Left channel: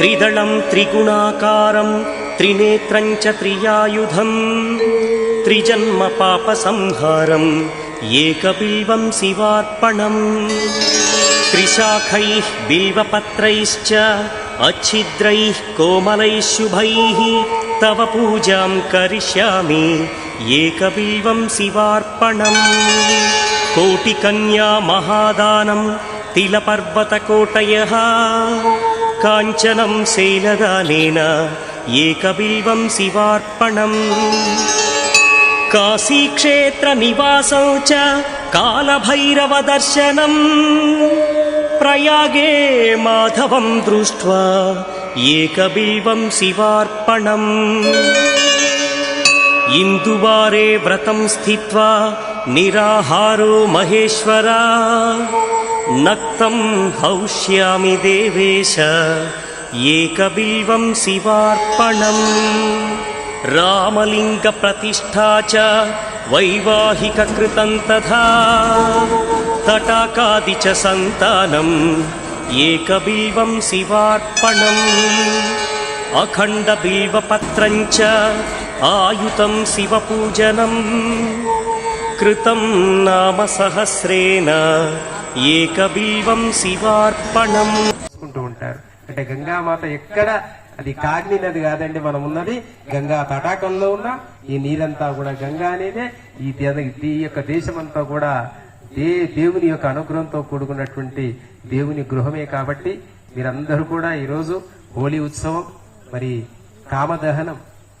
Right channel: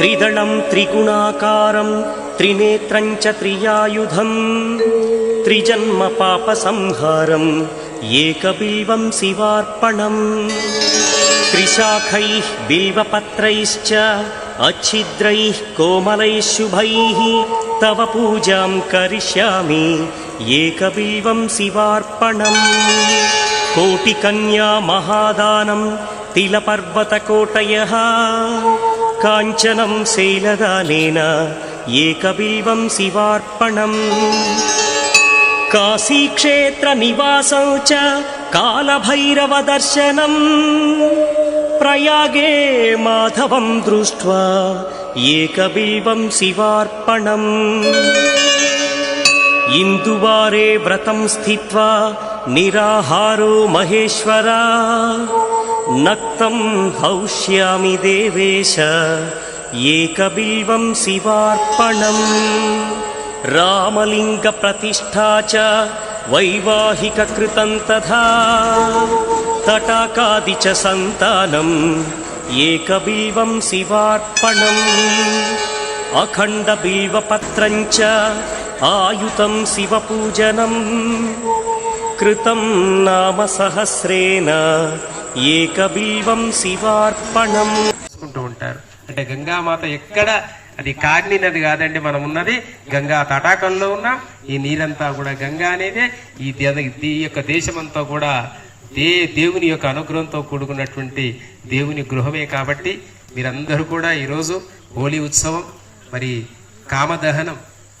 త్రిదళం త్రిగుణాకారం త్రినేత్రం చ త్రియాయుధం త్రిజన్మ పాప సంహారం ఏకబిల్వం శివార్పణం త్రిశాఖైః బిల్వపత్రైశ్చ अच्छिद्रैः कोमलैः शुभैः तव पूजां करिष्यामि एकबिल्वं शिवार्पणम् कोटिकन्या महादानं तिलपर्वतकोटयः काञ्चनं शैलदानेन एकबिल्वं शिवार्पणम् काशीक्षेत्रनिवासं च कालभैरवदर्शनम् प्रयागे माधवं दृष्ट्वा एकबिल्वं शिवार्पणम् इन्दुवारे व्रतं स्थित्वा निराहारो महेश्वरा नक्तं हौष्यामि देवेश एकबिल्वं शिवार्पणम् रामलिङ्गप्रतिष्ठा च वैवाहिककृतं तथा तटाकादि च सन्तानम् एकबिल्वं शिवार्पणम् अखण्डबिल्वपत्रं च आयुतं शिवपूजनम् कृतं नाम सहस्रेण ఏకబిల్వం శివార్పణం చేసుకుంటూ ఉంటారు. అంటే గంగామాత ఎక్కడ, అది కాగ్ని నది కాదండి, మనం ఉన్నది గంగా తటాకంలో ఉన్న ఈ నీరంతా కూడా గంగా అనేదే. ఈ యొక్క దేశమంతా కూడా దేవుని యొక్క అనుగ్రహంతో కూడుకున్నటువంటి దేవుని గృహమే. కాబట్టి మీరందరూ కూడా ఈరోజు హోలీ ఉత్సవం, మరి కామదహనం,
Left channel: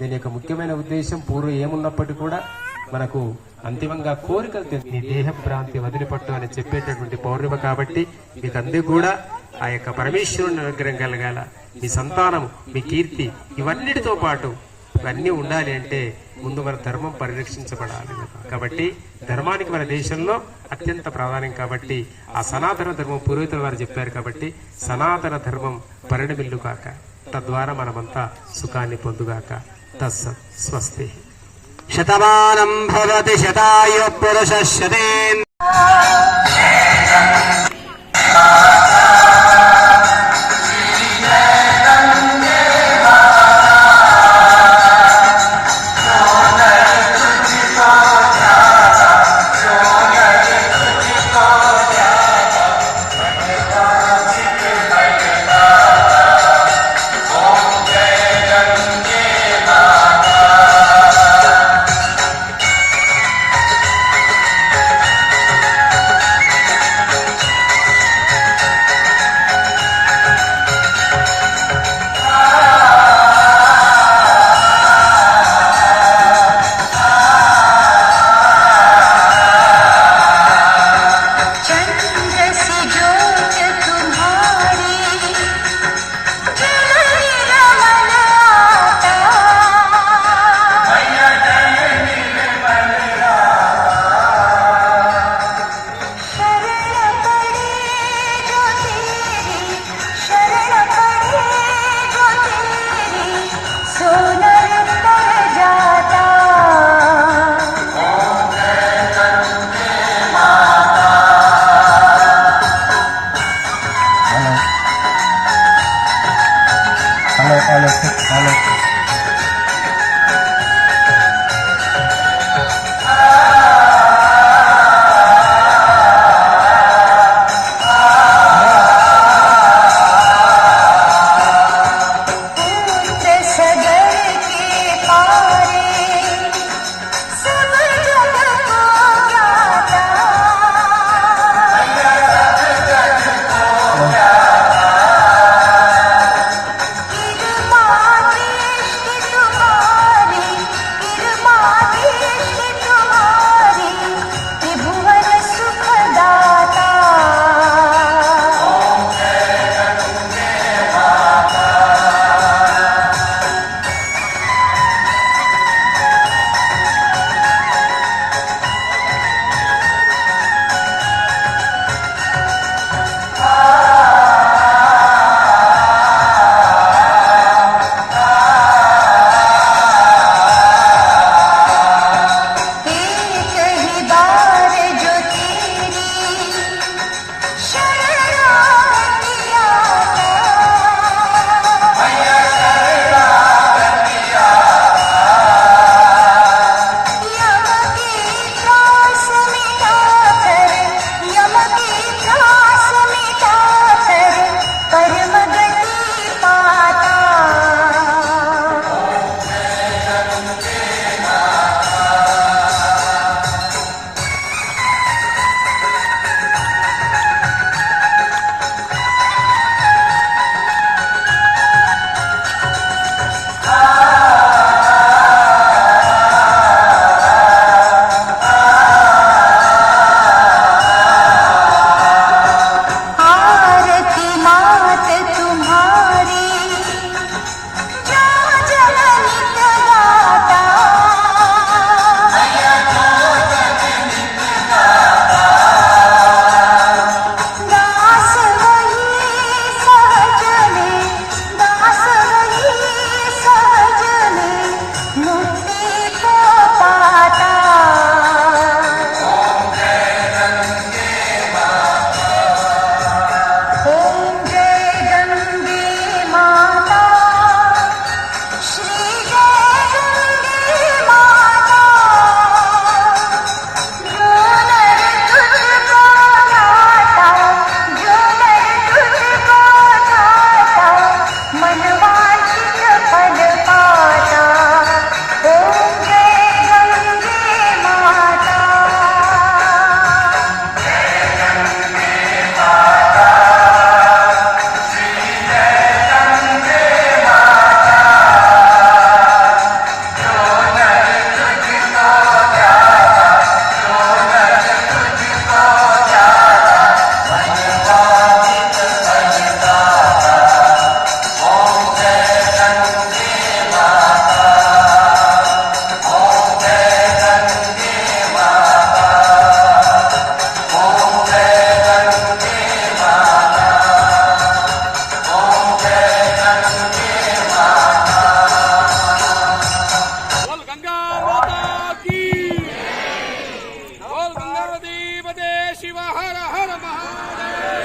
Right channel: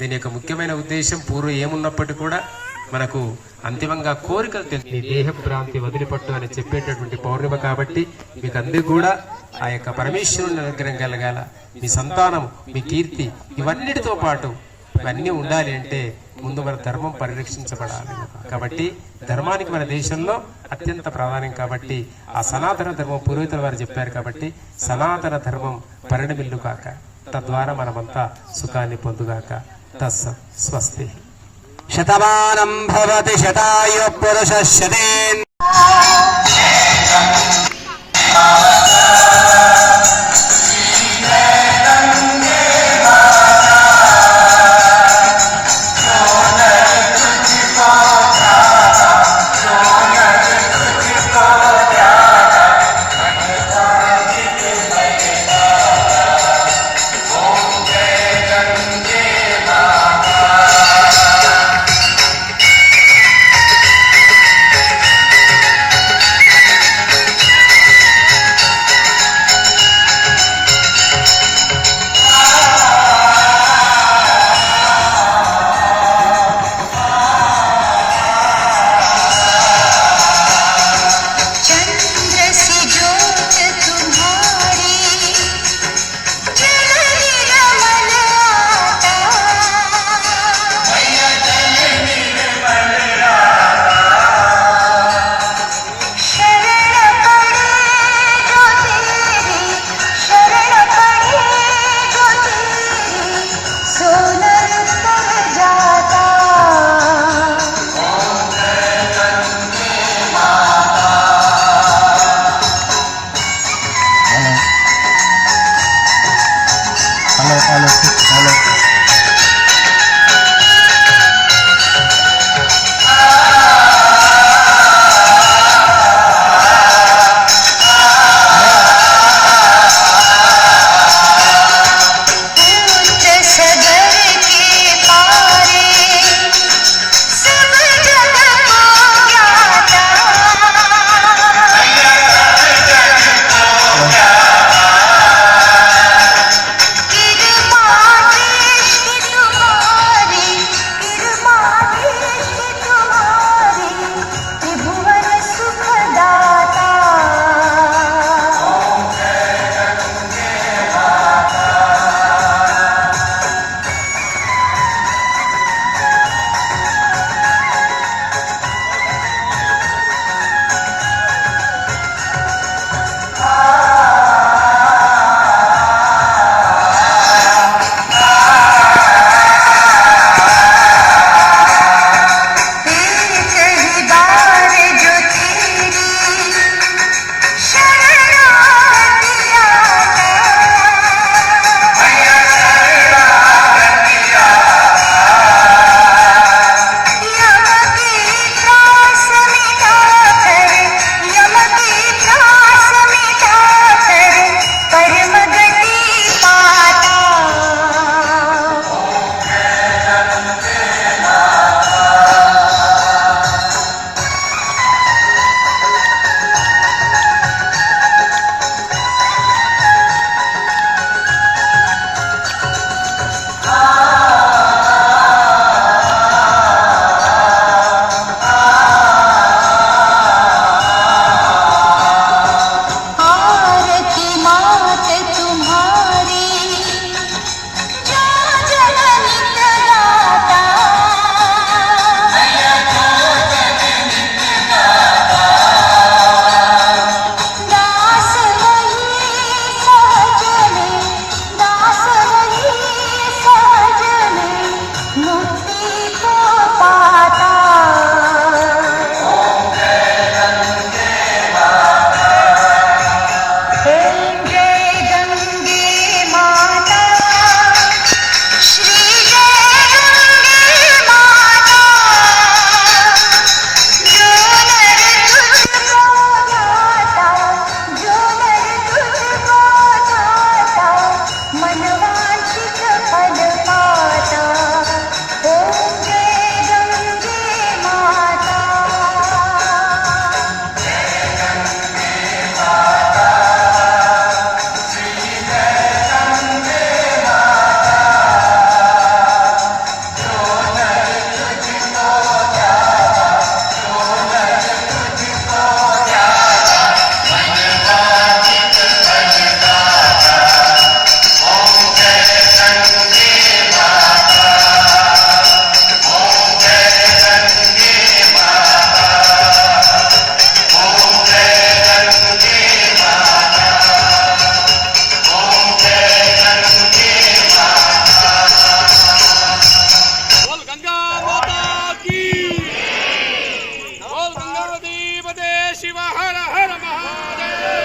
దీని యొక్క ముఖ్యమైన ఉద్దేశం పూర్వం ఏమున్నప్పటికీ కూడా మనకు అంతిమంగా కోరికలు మీ దేహ భ్రాంతి వదిలిపట్టు అని చెప్పేటటువంటి పౌర్ణిమ. కాబట్టి మీకు అందరూ కూడా ఆ యొక్క పరమేశ్వరుని అనుగ్రహం కలగాల, మీ సంతానం, మీ కీర్తి, ఇవన్నిటితో పాటు ఇవన్నీ ఉండాలి అంటే ముందు మన ధర్మం పరిరక్షించబడాలి. కాబట్టి ధర్మానికి మన దేశంలో అత్యంత ప్రాధాన్యం. కాబట్టి ఆ సనాతన ధర్మం పూర్వీకుల వారు చెప్పారు. కాబట్టి సనాతన ధర్మం పరిణమిల్లు కాక, తద్వారా మనమంతా సుఖాన్ని పొందుగాక. తస్సత్ స్వస్తి. శతమానం భవతి శతాయు పురుష శతేన్.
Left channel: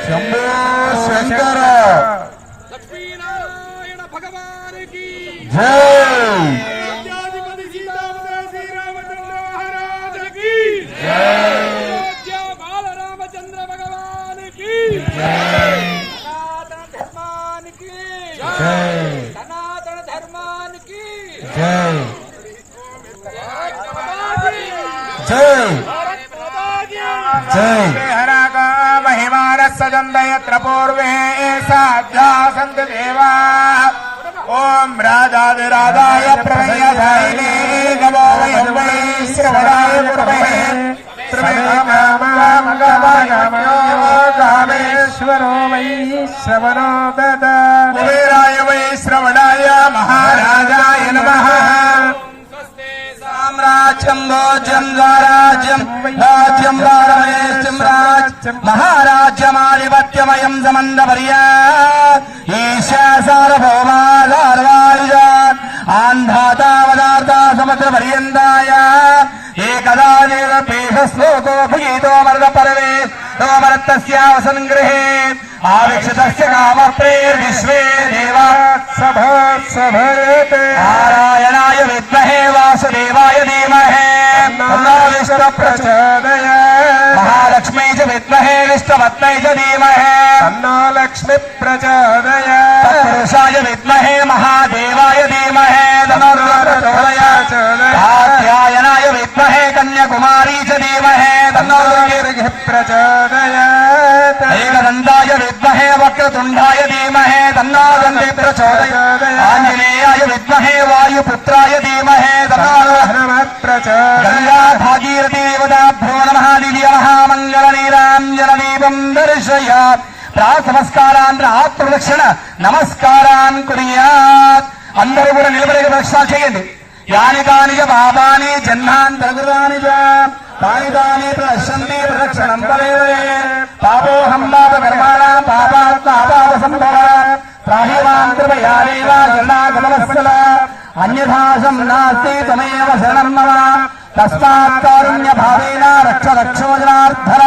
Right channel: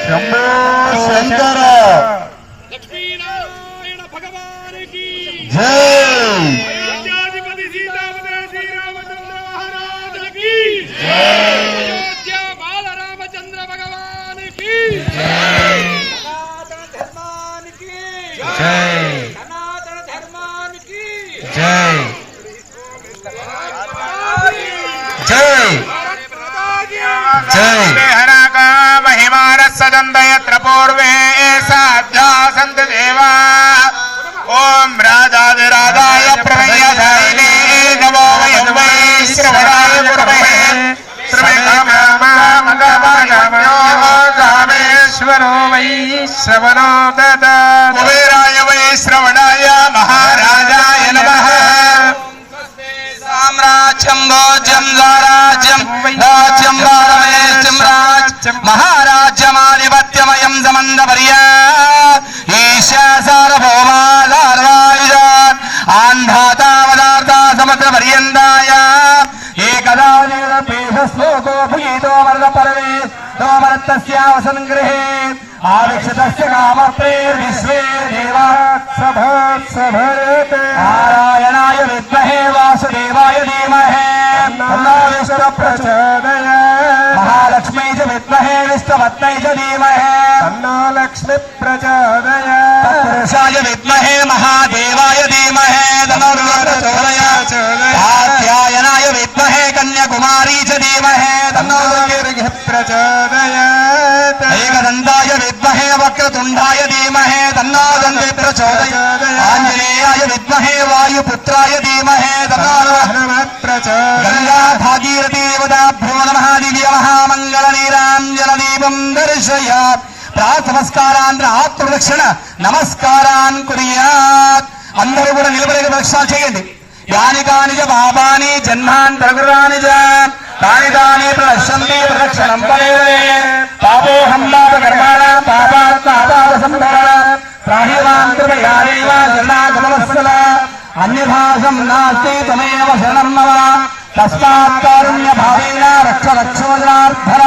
శంభో శంకర లక్ష్మీనారాయణ భగవానికి జై అయోధ్యాధిపతి సీతాపతి శ్రీరామచంద్ర మహారాజుకి జై అయోధ్య బాలరామచంద్ర భగవానికి సనాతన ధర్మానికి జై సనాతన ధర్మానికి జై జై జై महिमानसदन्दयत्र पूर्वे साध्या सन्त देवा ॐ राजाधिराजाय प्रमेयधायिने नमो वयं वै श्रवणाय गुरवे రామేశ్వరో వై శ్రవణో దదా कुबेराय वै श्रवणाय महाराजाय नमः సామ్రాజ్యం భోజ్యం రాజ్యం రాజ్యం రాజ్యం రాజ్యం మహారాజ్యమాధిపత్యమయం సమందపర్య ఈశా సార్వభౌమాధారాయుధ ఆంధాతావదార్థ సముద్ర పర్యంతాయ ఏకదా నిరపేషశ్లోకో భగీతో వరద పరవే తోమరత్తస్యావ సంగ్రహే ఆవిక్షతస్య కామప్రే విశ్వే దేవా సభోత్సభయతే నారాయణాయ విద్మహే వాసుదేవాయ ధీమహే తన్నో విష్ణు ప్రచోదయాత్ మహాలక్ష్మీ చ విద్మహే విష్ణుపత్న్యై చ ధీమహే తన్నో లక్ష్మీ ప్రచోదయాత్ తత్పురుషాయ విద్మహే మహాదేవాయ ధీమహే తన్నో ప్రచోదయాత్ కాత్యాయనాయ విద్మహే కన్యాకుమారీ చ ధీమహే తన్నో ప్రచోదయాత్ ఏకదంతాయ విద్మహే వక్రతుండాయ ధీమహే తన్నో దంతి ప్రచోదయాత్ ఆంజనేయాయ విద్మహే వాయుపుత్రాయ ధీమహే తన్నో ప్రచోదయాత్ గంగా భాగీరథీ దేవతాభ్యో నమః దివ్య మహామంగళ నీరాంజన దీపం దర్శయాత్ ప్రాతనమస్కారాన్ ఆత్మరక్షణ నమస్కారాన్ కుర్యాత్ అందరూ కూడా నిలబడే ప్రదక్షిణాలు చేయండి యాని కాని చ పాపాని జన్మాంతరకృతాని చ తాని తాని ప్రదర్శంతి ప్రదక్షిణం పరే పాపోహం పాప కర్మాణం పాపాత్ పాపాద సంభవ త్రాహిరాం కృపయా దేవ జన్మాగమవత్సల అన్యభాసం నాస్తి తమేవ శరణం మమ తస్మాత్ కారుణ్య భావేన రక్ష రక్షో జనార్దన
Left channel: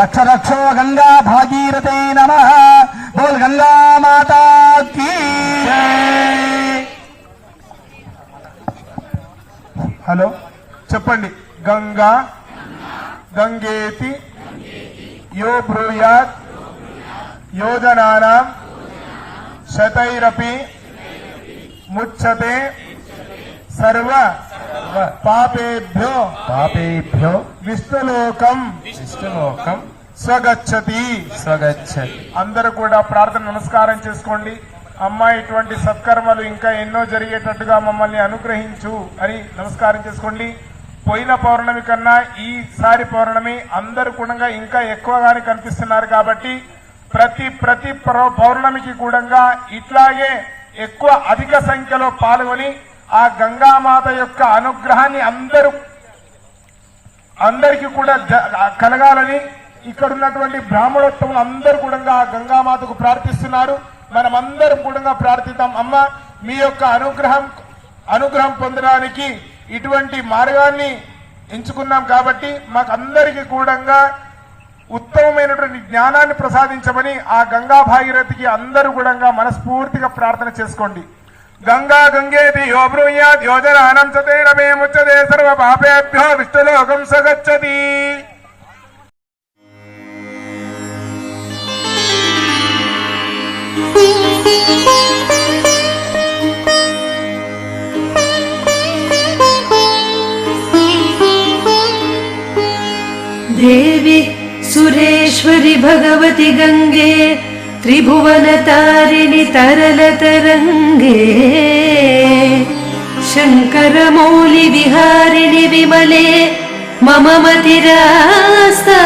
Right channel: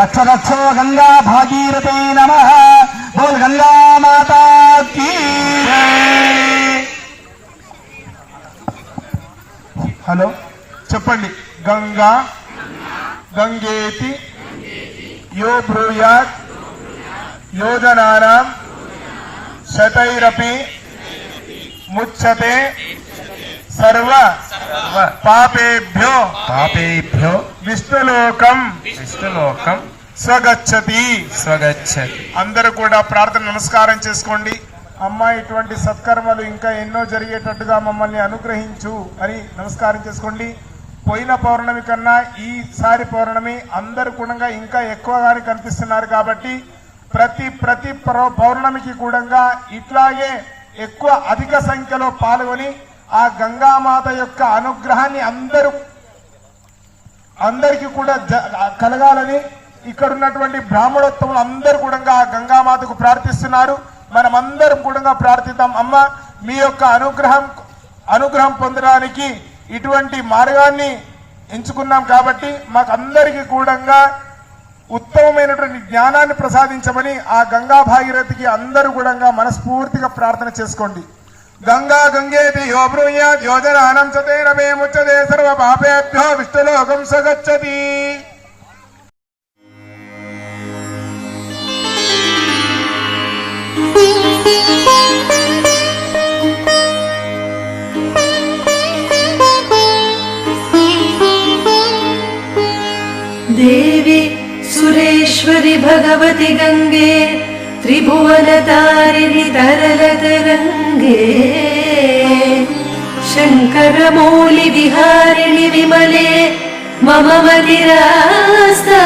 రక్ష రక్షో గంగా భాగీరథే నమః బోల్ గంగా మాతా కీ హలో చెప్పండి గంగా గంగేతి యో బ్రూయాత్ యోజనానాం శతైరపి ముచ్యతే సర్వ పాపేభ్యో పాపేభ్యో విష్ణులోకం విష్ణులోకం స్వగచ్చతి స్వగచ్చతి. అందరూ కూడా ప్రార్థన నమస్కారం చేసుకోండి. అమ్మ ఇటువంటి సత్కర్మలు ఇంకా ఎన్నో జరిగేటట్టుగా మమ్మల్ని అనుగ్రహించు అని నమస్కారం చేసుకోండి. పోయిన పౌర్ణమి కన్నా ఈసారి పౌర్ణమి అందరు కూడా ఇంకా ఎక్కువగానే కనిపిస్తున్నారు కాబట్టి ప్రతి పౌర్ణమికి కూడా ఇట్లాగే ఎక్కువ అధిక సంఖ్యలో పాల్గొని ఆ గంగామాత యొక్క అనుగ్రహాన్ని అందరికీ కూడా కలగాలని ఇక్కడ ఉన్నటువంటి బ్రాహ్మణోత్తములు అందరూ కూడా ఆ గంగామాతకు ప్రార్థిస్తున్నారు. మనమందరం కూడా ప్రార్థిద్దాం. అమ్మ మీ యొక్క అనుగ్రహం పొందడానికి ఇటువంటి మార్గాన్ని ఎంచుకున్నాం కాబట్టి మాకు అందరికీ కూడా ఉత్తమమైనటువంటి జ్ఞానాన్ని ప్రసాదించమని ఆ గంగా భాగీరథికి అందరూ కూడా మనస్ఫూర్తిగా ప్రార్థన చేసుకోండి. గంగా గంగేతి యో బ్రూయాత్ యోజనానం సతేన మే ముచ్యతే సర్వ పాపేభ్యో విష్ణులోకం సగచ్చతి. देवी सुरेश्वरि भगवति गंगे त्रिभुवनतारिणि तरलतरंगे शंकरमौलि विहारिणि विमले मम मतिरास्तां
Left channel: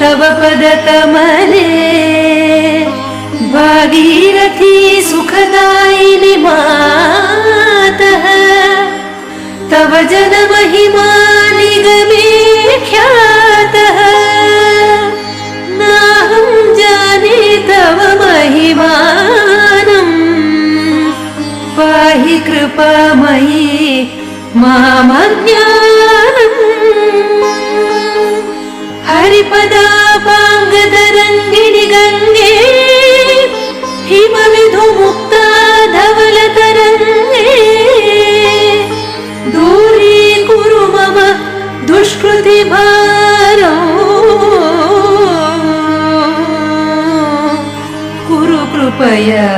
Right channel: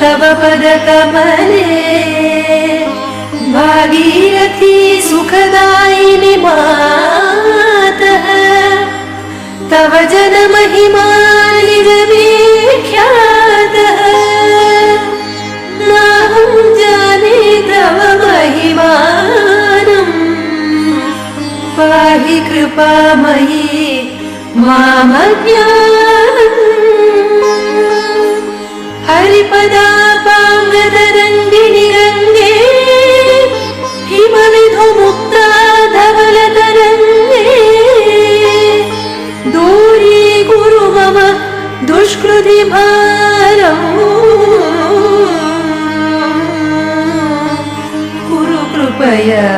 तव पदकमले भागीरथी सुखदायिनि मातः तव जन महिमानिगमे ख्यातः नाहं जाने तव महिमानं पाहि कृपामयी मामज्ञानम् हरिपदापाङ्गतरङ्गिणि गङ्गे हिमविधुमुक्ता धवलतरङ्गे दूरीकुरु मम दुष्कृतिभारम् कुरु कृपया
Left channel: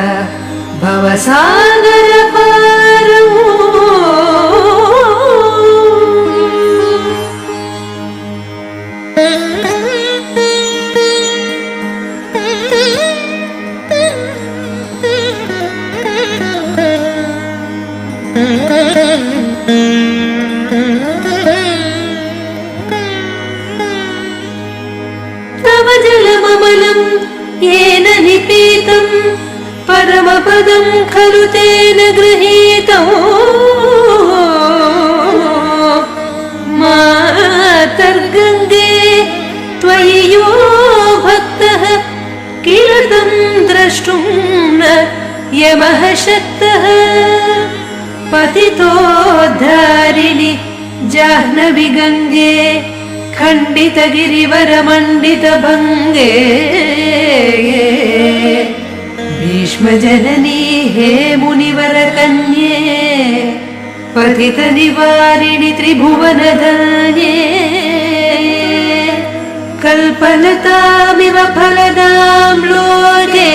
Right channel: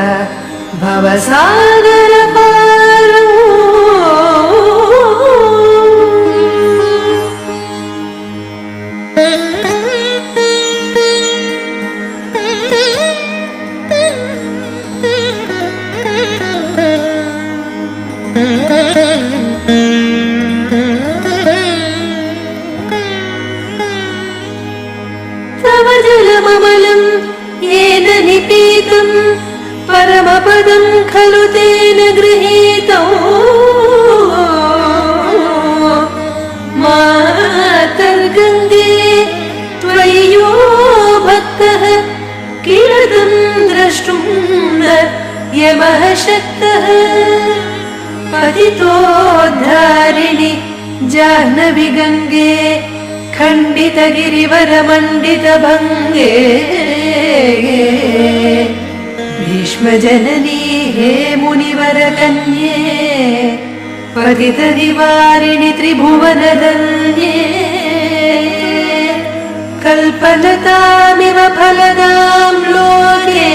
भवसागरपारम् तव जलममलं येन निपीतं परमपदं खलु तेन गृहीतं मातर्गङ्गे त्वयि यो भक्तः किल तं द्रष्टुं न यमः शक्तः पतितोद्धारिणि जाह्नवी गङ्गे खण्डितगिरिवरमण्डितभङ्गे भीष्मजननी हे मुनिवरकन्ये पतितनिवारिणि त्रिभुवनधन्ये कल्पलतामिव फलदां लोके